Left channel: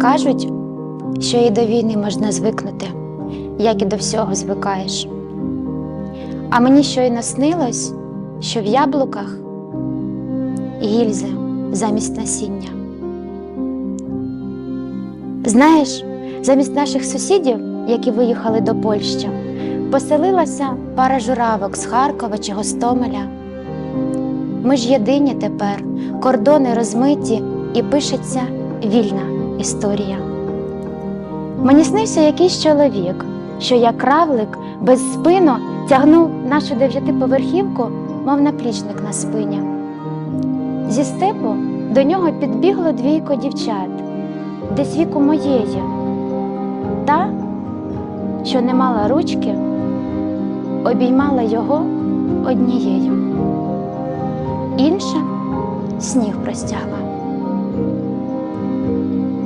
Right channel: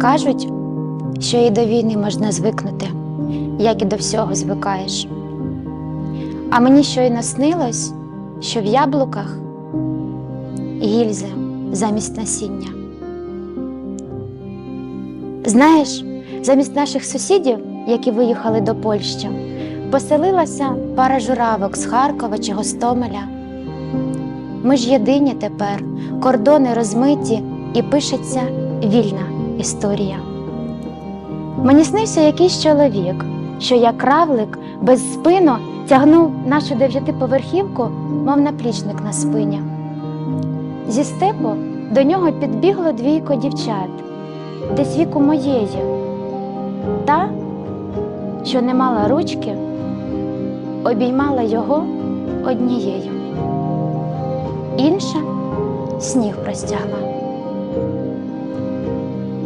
Кажуть, що і до війни можна звикнути, як і до всього звикаєш. А мені щойно снилось, що в яблуках гільзи замість насіння. Знаєш, замість наших сусідів, які виїхали до Польщі, поселилася пара журавок з Харкова чи Гостомеля. Ми ж єдині тепер, кордони розмиті і пишеться вільна історія. Мені снився якийсь чоловік, що як кравлик без спину тягнув нашу дев'ятиповерхівку, мов наплічник на спині. Зі степу до нього підбігло двійко дівчат, десь віку моєї. Та, що не мала ручки, обіймала його однією. Інша сніг простягла.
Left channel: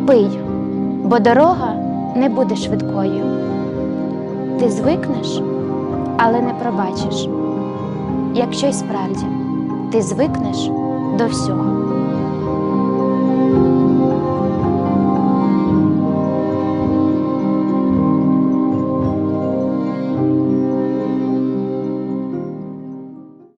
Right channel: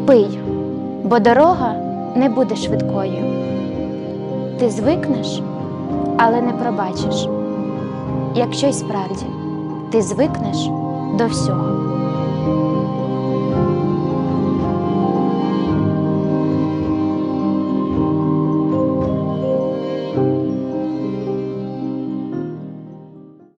Пий, бо дорога не буде швидкою. Ти звикнеш, але не пробачиш. Якщо й справді ти звикнеш до всього.